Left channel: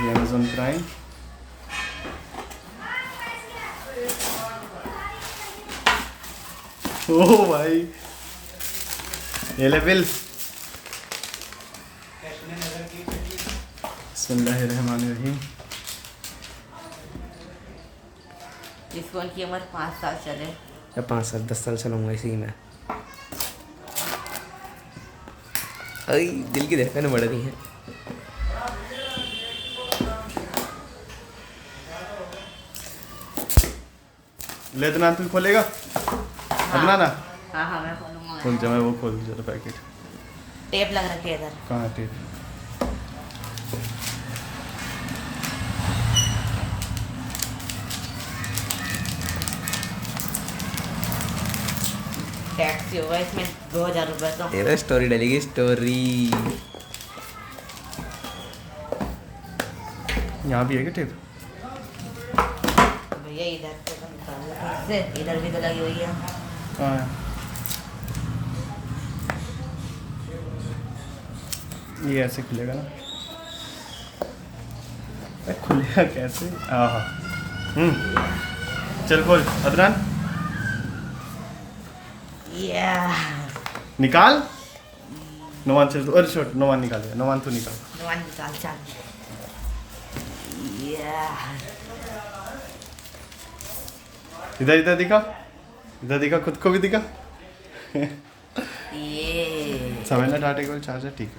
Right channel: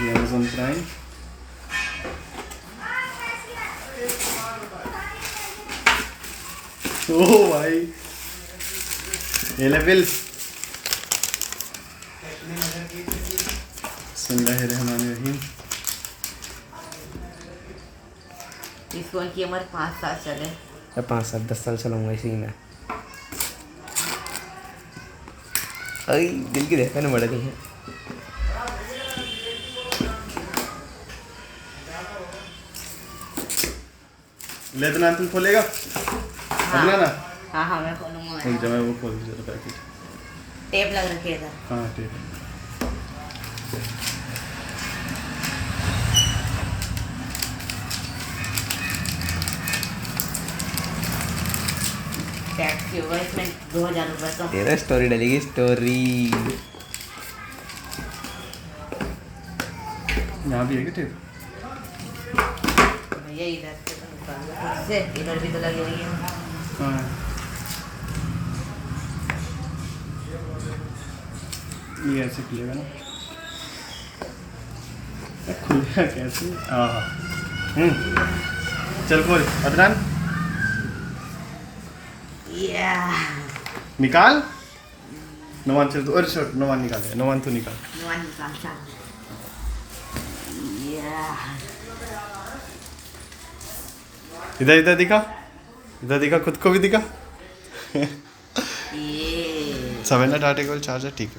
ये Amazon Prime। ओ भाई ये ले बिल। बिस्मिल्लाहिर्रहमानिर्रहीम। इस फोन की उम्र 5 साल चले या 5 साल 10 साल चलाऊंगा इसी में। अरे दिल की धड़कन बढ़ रही है। ले अदनान तुम खोलेगा? अदनान ना? हाँ हाँ मैं खोलूँगा। खोल जा, मैं वो खोल जरा पैकेट। टेप लग रखी है इधर। कहाँ टेप? टैक्स होगा इसमें 2000 रुपये तो। तेरा स्टोरी डलेगी स्टोरी। यहाँ भी है क्या टेप? भैया इधर से इधर भी तो लगी हुई है। हाँ ये ऐसे खुलेगा ना? खुलेगा कैसे? चल खोल अदनान। निकाल। नोमान चल, अरे छोड़, नोमान निकालेगा। नोमान तो निकाल। इधर इधर दिखा, इधर दिखा, खुद को भी दिखा। 7 टाटा केबल चार्जर ठीक है।